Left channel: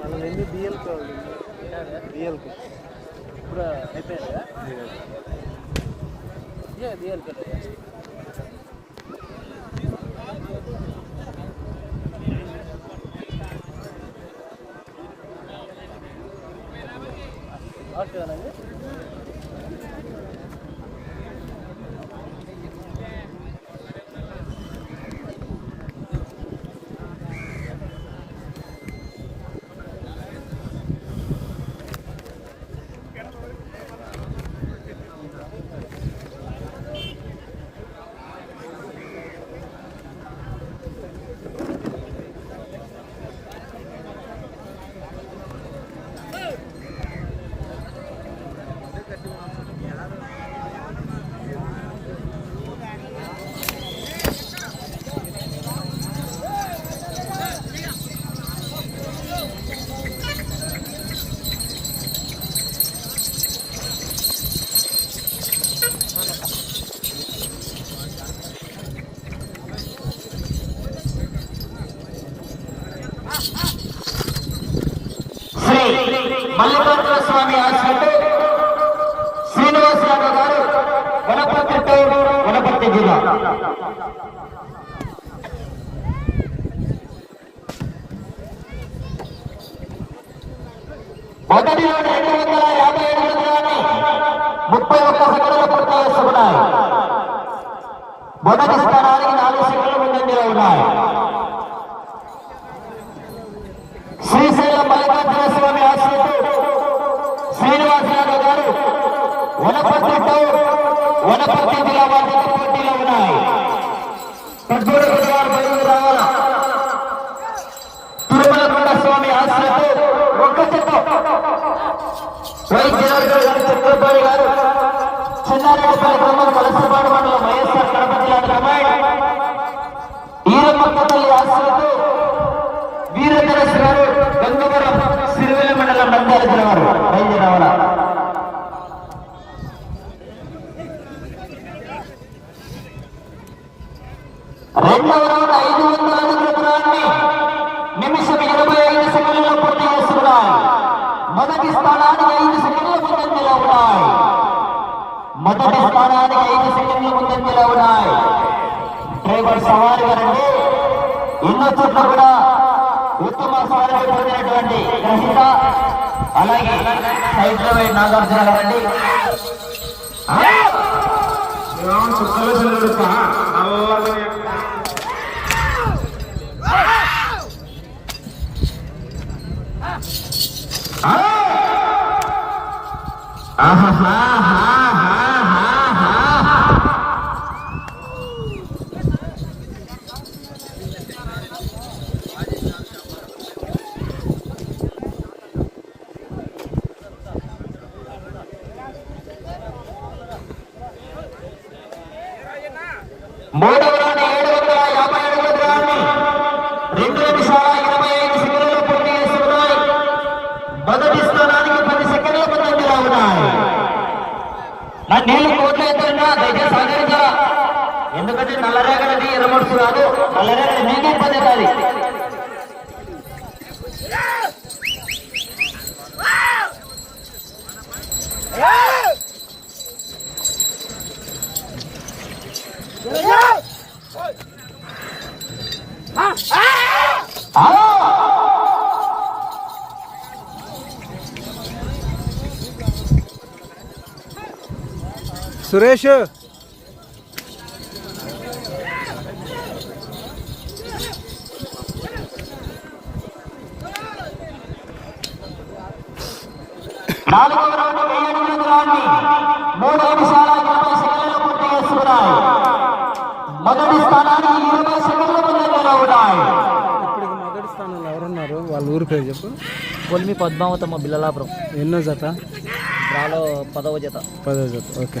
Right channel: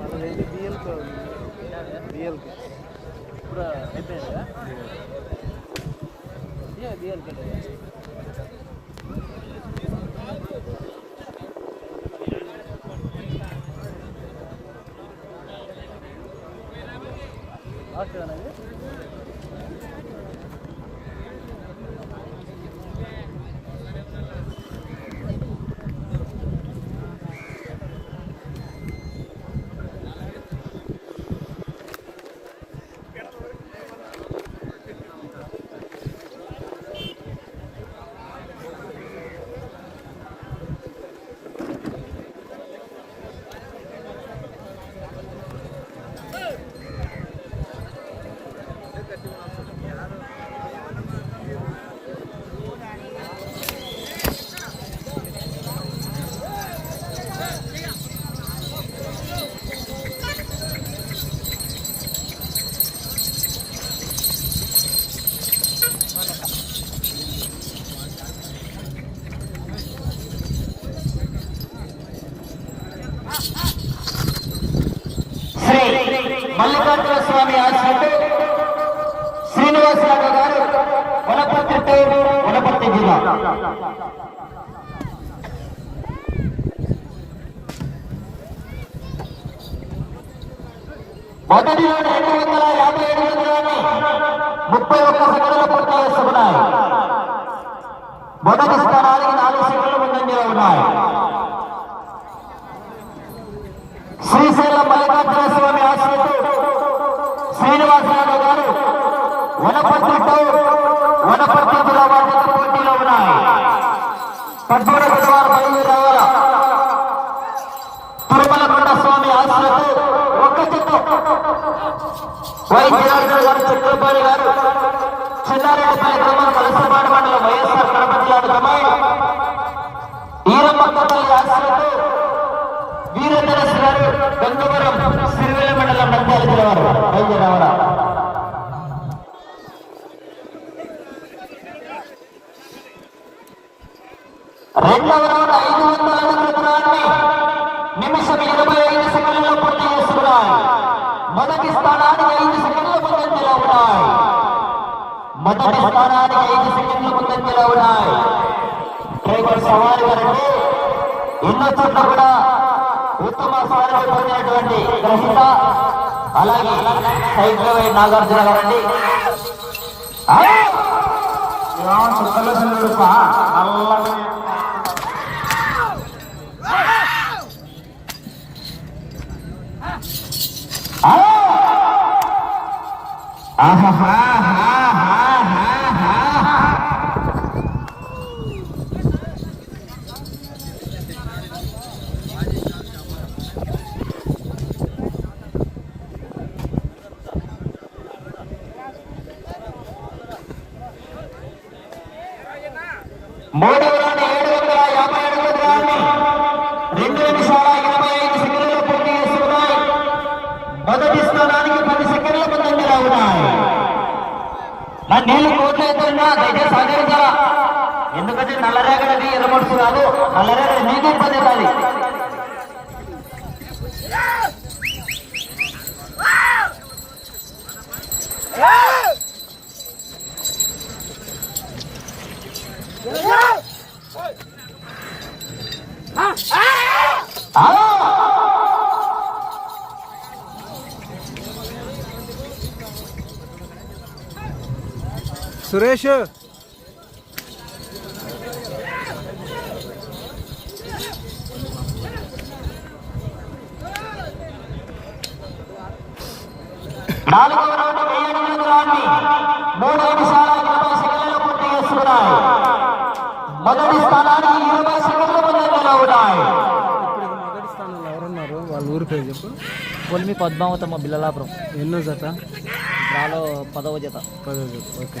వాళ్ళని బిఎల్కి బిఎల్కి ఇప్పుడు అయిపోయిందా బిఎల్ ఓకేనండి శ్రీ మల్లికార్జున స్వామి ఆశ్రమంలో శ్రీనివాసరావు గారు వనపర్తి టౌన్ వనపర్తి జిల్లా మొదటిలో రెండు వందల యాభై ఐదు మందిలోని ముప్పై ఒక్క సెకండ్లు పూర్తి చేస్తున్నాయి మొదటి స్థానానికి నాలుగు సెకండ్లు ముందంజలో ఉన్నాయి శ్రీశైలం మల్లికార్జున స్వామి ఆశ్రమంలో శ్రీనివాసరావు గారు వనపర్తి టౌన్ వనపర్తి జిల్లా వారితో పోటీలో ఉన్నాయి పడ్డూర వారు బయలుదేరి రావాల స్వామి ఆశ్రమంలో ఒక్క చెట్టు వైద్యులు గారు చిత్తూరు గారు చిన్నారెడ్డిపల్లి గ్రామం వలసపాడు మండలం వైఎస్ఆర్ కడప జిల్లా గ్రామాయి ఈరమ్మక్కపల్లి ఆశ్రమంలో వీరేంద్రస్ గారు గంగవరం సిరివేల మండలం నంద్యాల జిల్లా వారు బయలుదేరి రావాలా రెండవ మొదటి స్థానానికి ఐదు సెకండ్ల ముందంజలో ఉన్నాయి. మొదటి స్థానానికి ఐదు సెకండ్ల ముందంజలో ఉన్నాయి. డ్రైవర్ సవాల్ గారండి ఎన్నో చోట్ల కూడా ఉత్తమ స్థానాన్ని పొందినటువంటి రసిక అలాగే హైదరాబాద్ నాగార్జున గారండి. చుక్కలు చల్లుడు అల్లగా మూడవ రౌండ్ ఏడు వందల నా నీళ్లు కోట్లయితున్నా దయచేసి సహకరించాలా ఎందుకంటే నల్లరేగడికి ఎర్రమడుసు రాదు నల్లరేగడి మీకు ఇబ్బంది కాదు చేస్తున్నాయి మొదటి స్థానానికి ఇరవై సెకండ్ల ముందంజలో ఉన్నాయి ఇప్పుడు మొదటి స్థానంలో ఎవరున్నారు వాళ్ళ ఊరి పేరు చెప్పు కొలిమి పద్మావతమ్మ బిల్లలాపురం. ఎన్నో జత? రాలో పదవ జత. పదో జత ఓకే.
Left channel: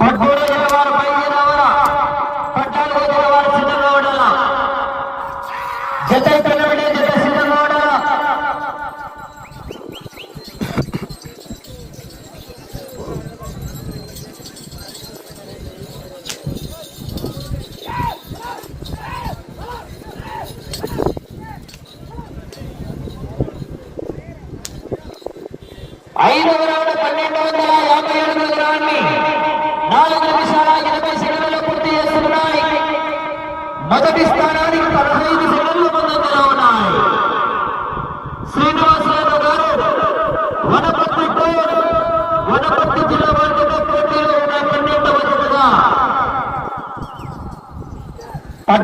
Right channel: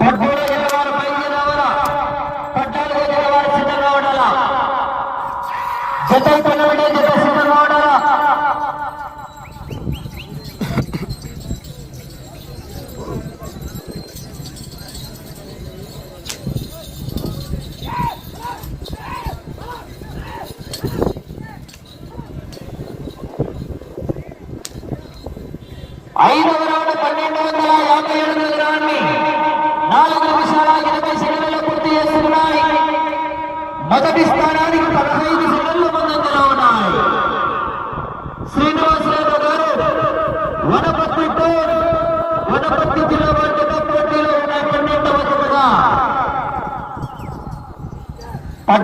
పద్మూడు జత వారు బయలుదేరి రావాలా పద్నాలుగు జత వారు సిద్ధంగా ఉండాలా జత ఇక్కడ ఉండే జత సిద్ధంగా ఉండాలా ఐదవ రౌండ్ పన్నెండు వందల యాభై ఎనిమిది గ్రాన్ని నాలుగు నిమిషాల ఇరవై సెకండ్లు పూర్తి చేస్తున్నాయి మొదటి స్థానానికి పదహైదు సెకండ్లు ముందంజలో ఉన్నాయి శ్రీనివాసరావు గారు వనపర్తి టూర్ వనపర్తి జిల్లా వర్గ పోటీలో ఉన్న పన్నెండవ జతగా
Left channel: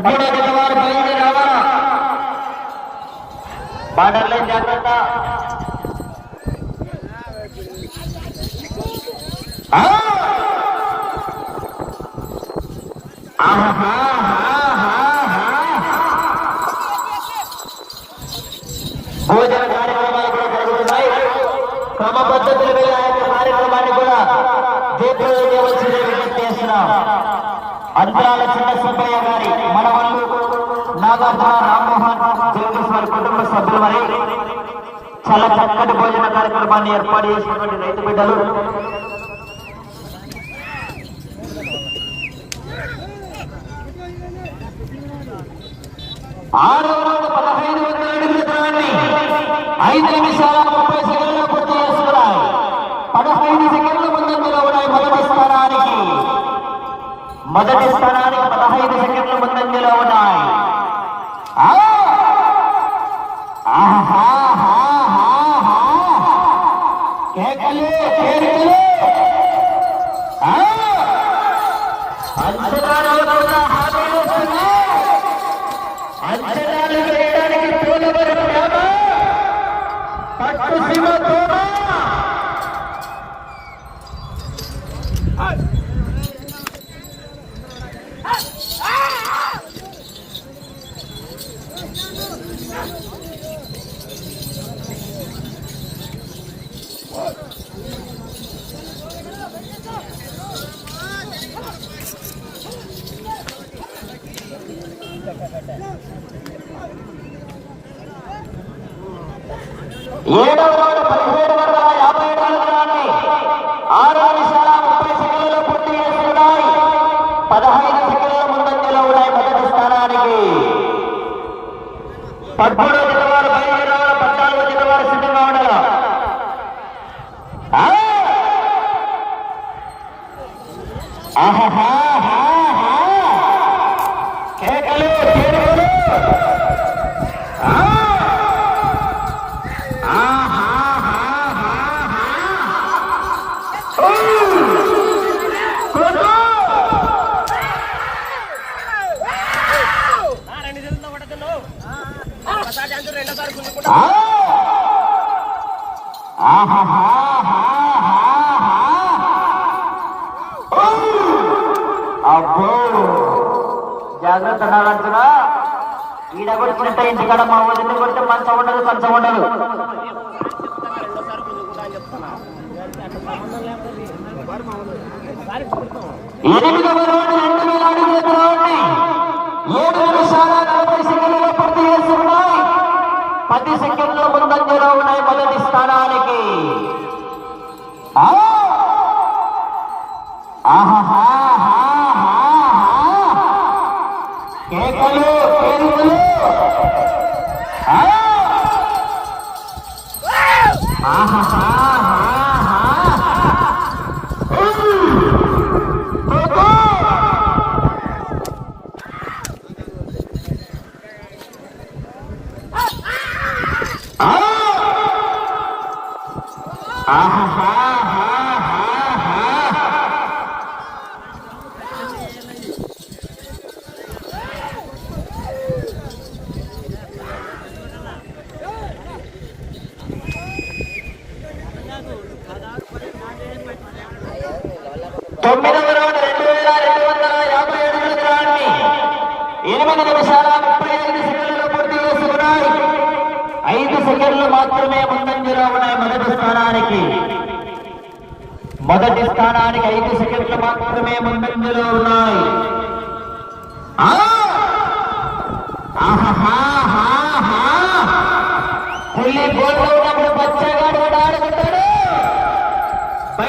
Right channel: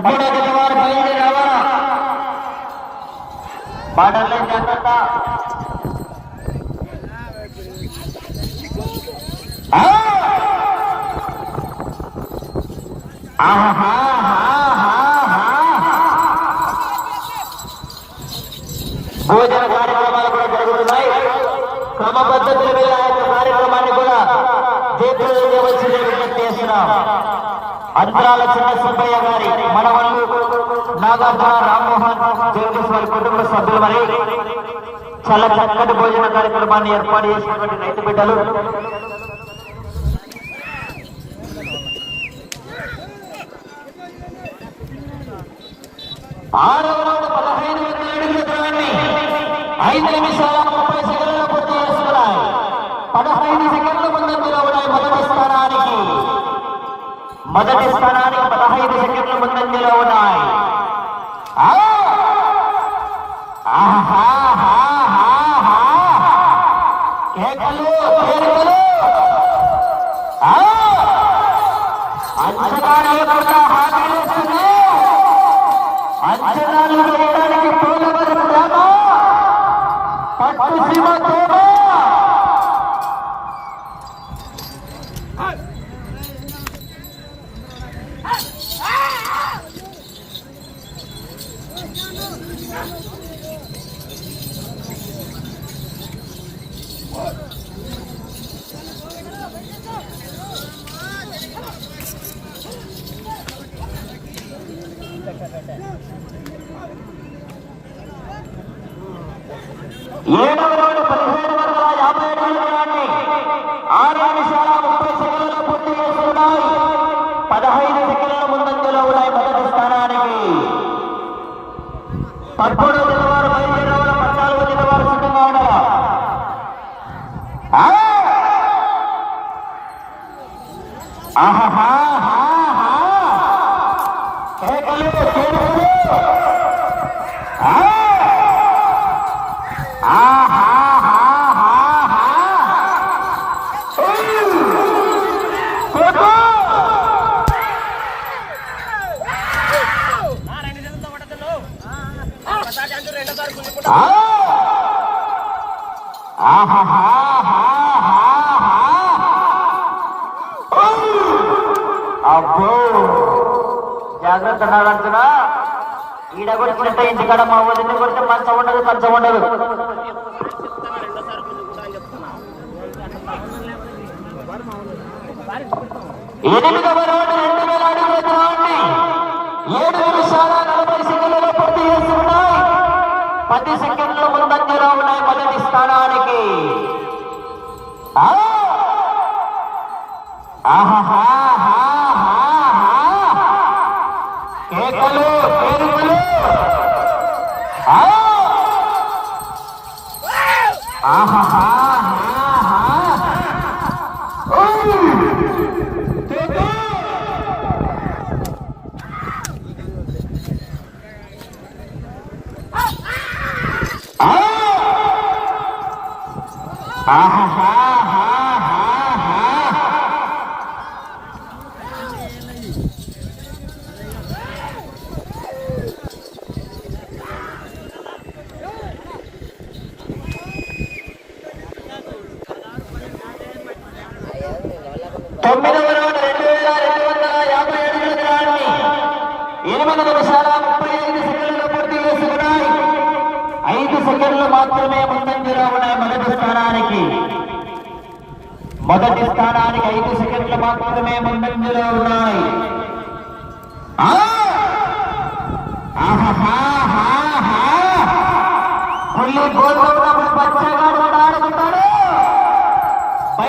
పద్మూడవ జత వారు బయలుదేరి రావాలా బాటర్లే జాగ్రత్త ఆ! భోజన కార్యక్రమాలు కూడా జరుగుతున్నాయి క్రమ పద్ధతుల మీద ఆ యొక్క కార్యక్రమాన్ని కూడా జయప్రదం చేయవలసింది విజ్ఞప్తి చేస్తున్నాం అంతరాల చిన్న సుబ్బయ్య గారి మనవల్లు నాగార్జున రామ్మోహన్ జగదీష్ వారి కుటుంబ సభ్యులు మరియు చాలా చక్కటి భోజన కార్యక్రమాన్ని ఏర్పాటు చేసినటువంటి రైతు బిడ్డలు. ఆరు వందల పదహైదు వందల అడుగుల దూరాన్ని ఐదు నిమిషాల ముప్పై సెకండ్లు పూర్తి చేసుకున్నాయి పదహైదు సెకండ్ల ముందు ఉన్నాయి మొదటి స్థానానికి. మొదటి స్థానానికి పదహైదు సెకండ్ల ముందంజలో ఉన్నాయి ¡Ajá, ajá, ajá! ¡Qué calor, qué calor! జాగ్రత్త నాడంటున్నా ఈడ కొడుతున్నట్టే ఇంటికాడ మా వదిలి కొడితే కంచ ఉండదు కంచ ఉండదు. రెండు వేల ఏడు నిమిషాల నలభై సెకండ్లలో పూర్తి చేస్తున్నాయి పది సెకండ్ల ముందంజలో ఉన్నాయి మొదటి స్థానానికి. ఆ! ఆ! తొమ్మిదవ రౌండ్ రెండు వేల రెండు వందల యాభై ఏడు దూరాన్ని ఎనిమిది నిమిషాల ముప్పై ఐదు సెకండ్లు పూర్తి చేసుకున్నాయి. ఐదు సెకండ్లు మాత్రమే ముందంజలో ఉన్నాయి మొదటి స్థానానికి. మొదటి స్థానానికి ఐదు సెకండ్లు మాత్రమే ముందంజలో ఉన్నాయి. ఆహా ఆహాహాహా. పుల్లి గోడలో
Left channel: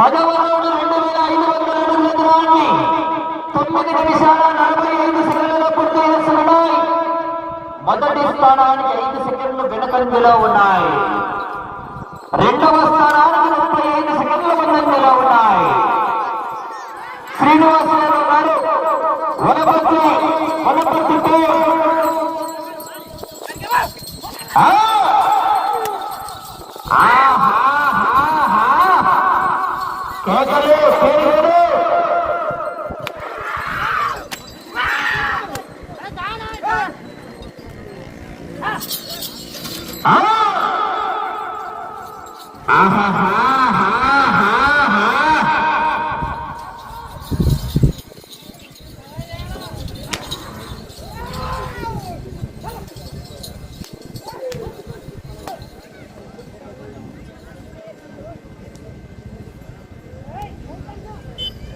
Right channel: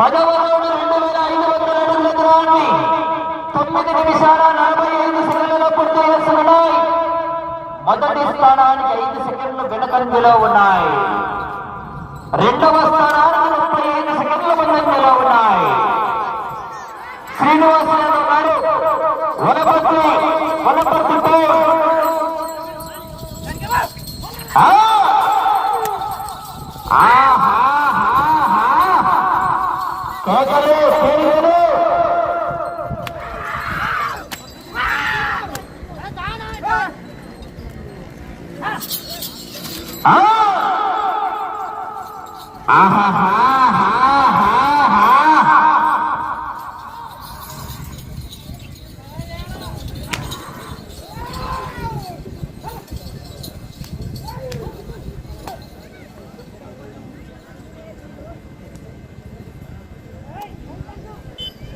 పదవ రౌండ్ రెండు వేల ఐదు వందల అడుగుల దూరాన్ని తొమ్మిది నిమిషాల నలభై ఐదు సెకండ్లలో పూర్తి చేస్తున్నాయి మొదటి స్థానానికి ఐదు సెకండ్లు వెనకంజలో ఉన్నాయి రెండవ స్థానానికి ముప్పై ఐదు సెకండ్ల ముందంజలో ఉన్నాయి శ్రీనివాసరావు గారు వరపత్రి ఆహా కేకలు ఆ! ఆహాహాహాహా.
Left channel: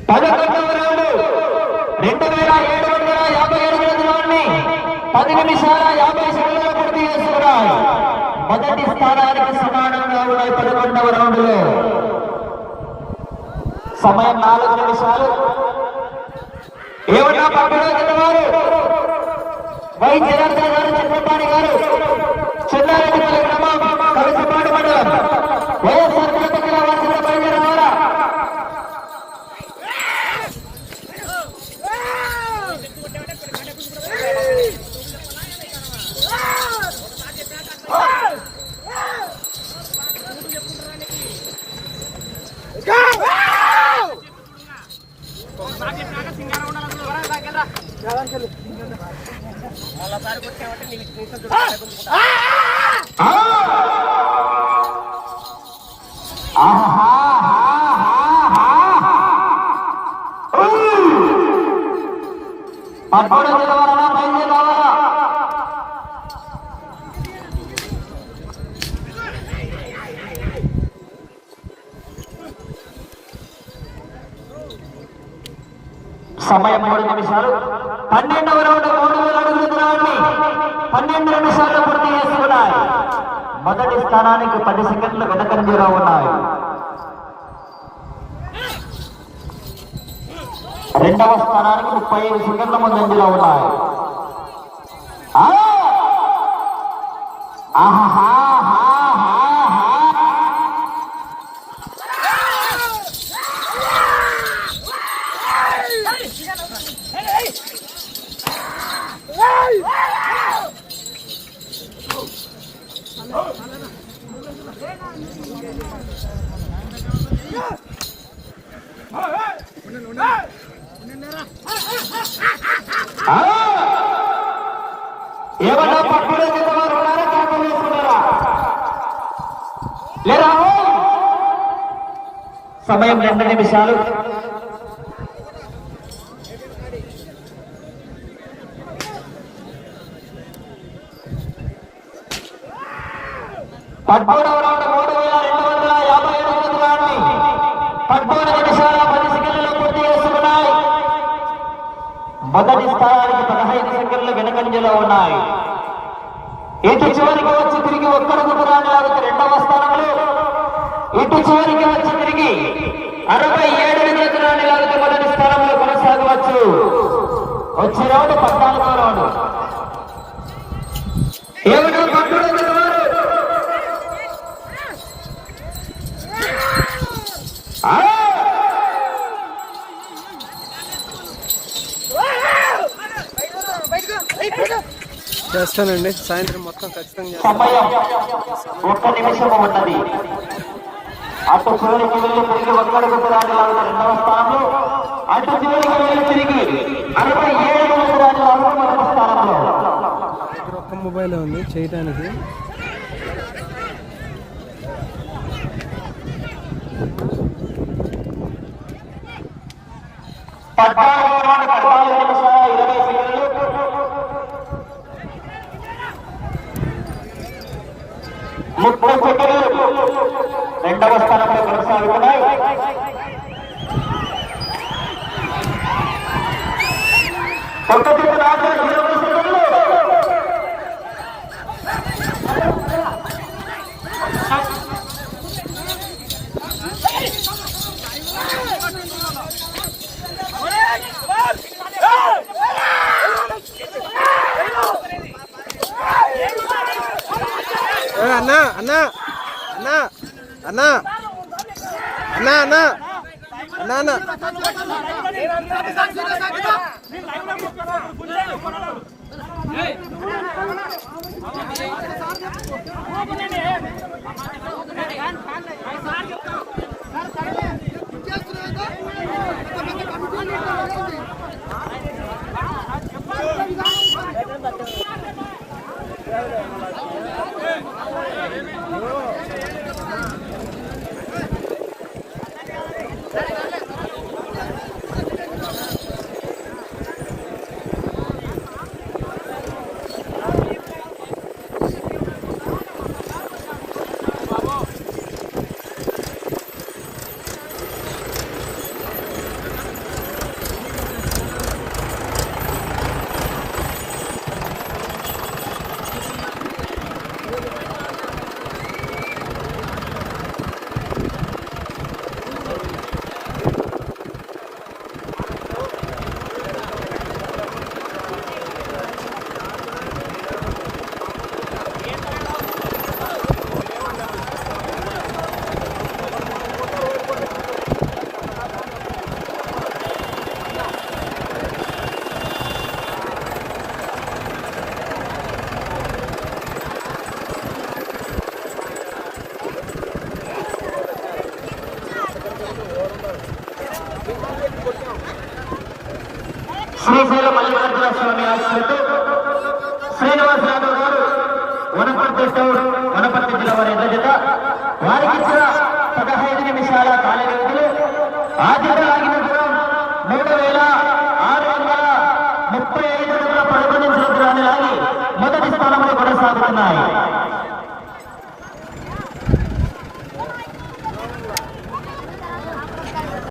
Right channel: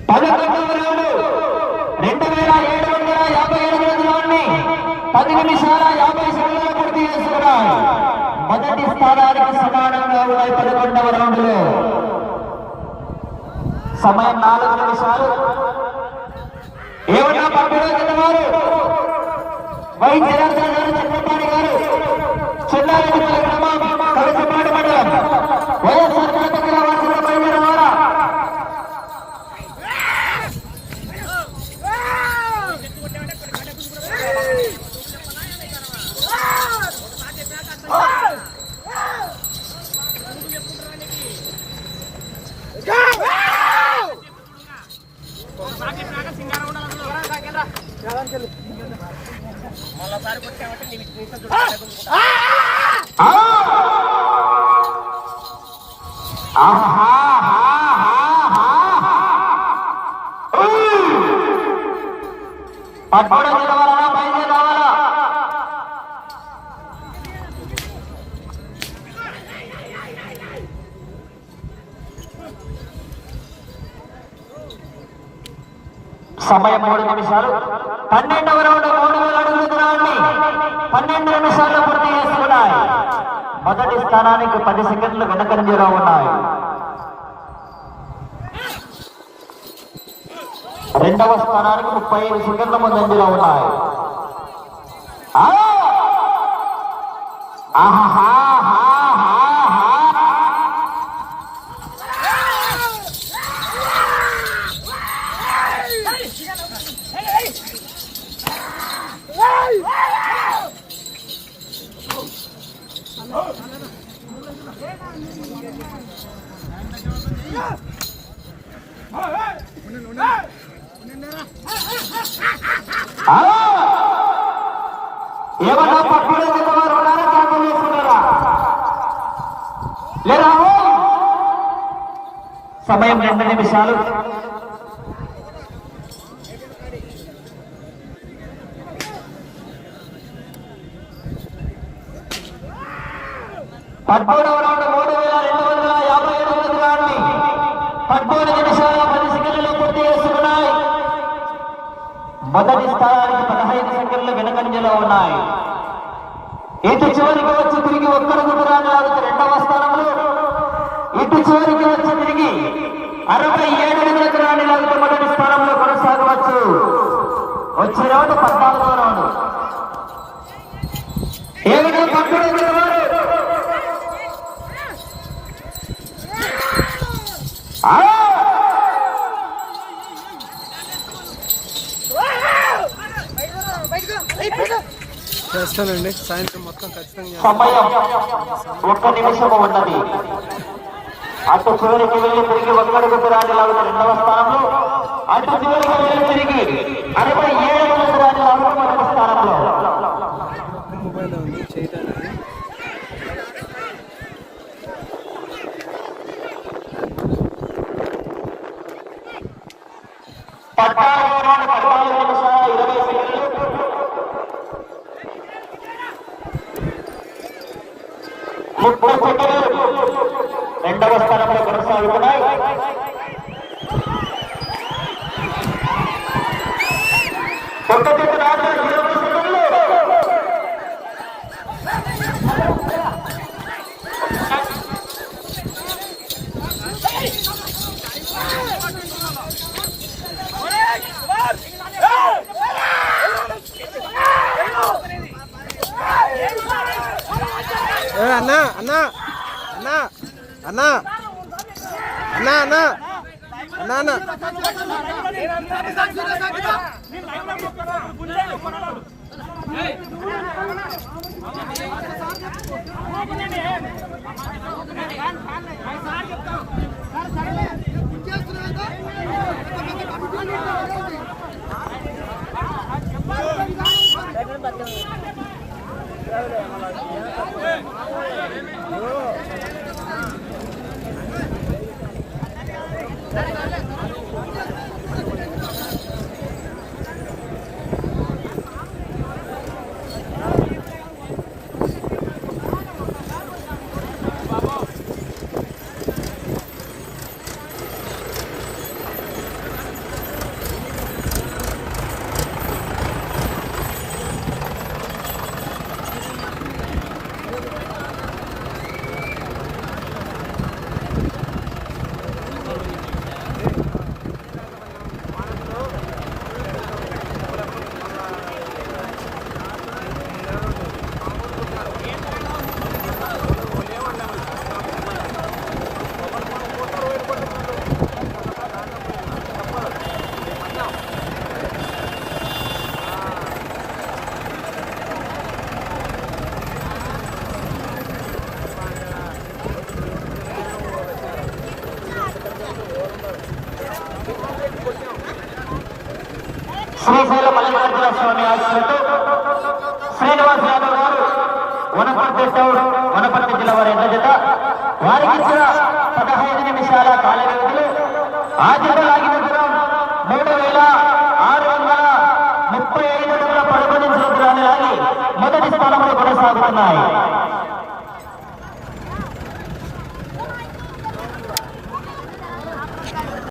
పదకొండవ రౌండ్ రెండు వేల ఏడు వందల యాభై అడుగుల దూరాన్ని పది నిమిషాల యాభై సెకండ్ల పూర్తి చేస్తున్నారు. మొదటి స్థానానికి సమానంగా ఉన్నాయి పదకొండవ రౌండ్లో సమయం మూడు నిమిషాలు. పన్నెండవ రౌండ్ మూడు వేల అడుగుల దూరాన్ని పన్నెండు నిమిషాలు పూర్తి చేస్తున్నాయి మొదటి స్థానానికి పది సెకండ్లు వెనకంజలో ఉన్నాయి. రెండవ స్థానానికి ముప్పై ఐదు సెకండ్ల ముందంజలో ఉన్నాయి. నిమిషాలు పద్మూడవ రౌండ్ మూడు వేల రెండు వందల యాభై పద్మూడు నిమిషాల పది పూర్తి మొదటి స్థానానికి పదహైదు సెకండ్లు వెనకంజలో ఉన్నాయి. ఇటు చివరికి వచ్చి తిరిగి ఒక్కడు దూరాన్ని రెండవ స్థానంలో ఇటు చివరికి వచ్చి అరవై ఏడు దూరాన్ని లాగుతూ మొదటి స్థానంలో కొనసాగవచ్చు. వచ్చే రౌండ్ పద్నాలుగో రౌండ్. పట్టుడు చేస్తానండి. సాయంత్రం మొత్తం ఖచ్చితంగా సమయం ఒక్క నిమిషము ఉన్నది. అటు చివరికి వెళ్ళి తిరిగి ఒకరికి పురాణి రెండవ స్థానంలో అటు చివరికి వెళ్ళి తిరిగి అరవై ఏడు మంది స్థానంలో మొబైల్ ఉంది చేయడానికి పద్నాలుగు పద్నాలుగు నిమిషాల ఇరవై సెకండ్లు ముప్పై సెకండ్లు ব্যবস্থা করে ধরতে হবে কোথায় প্রত্যেকটি అన్నా అన్నా అన్నా అన్నా అన్నా ¡Vamos!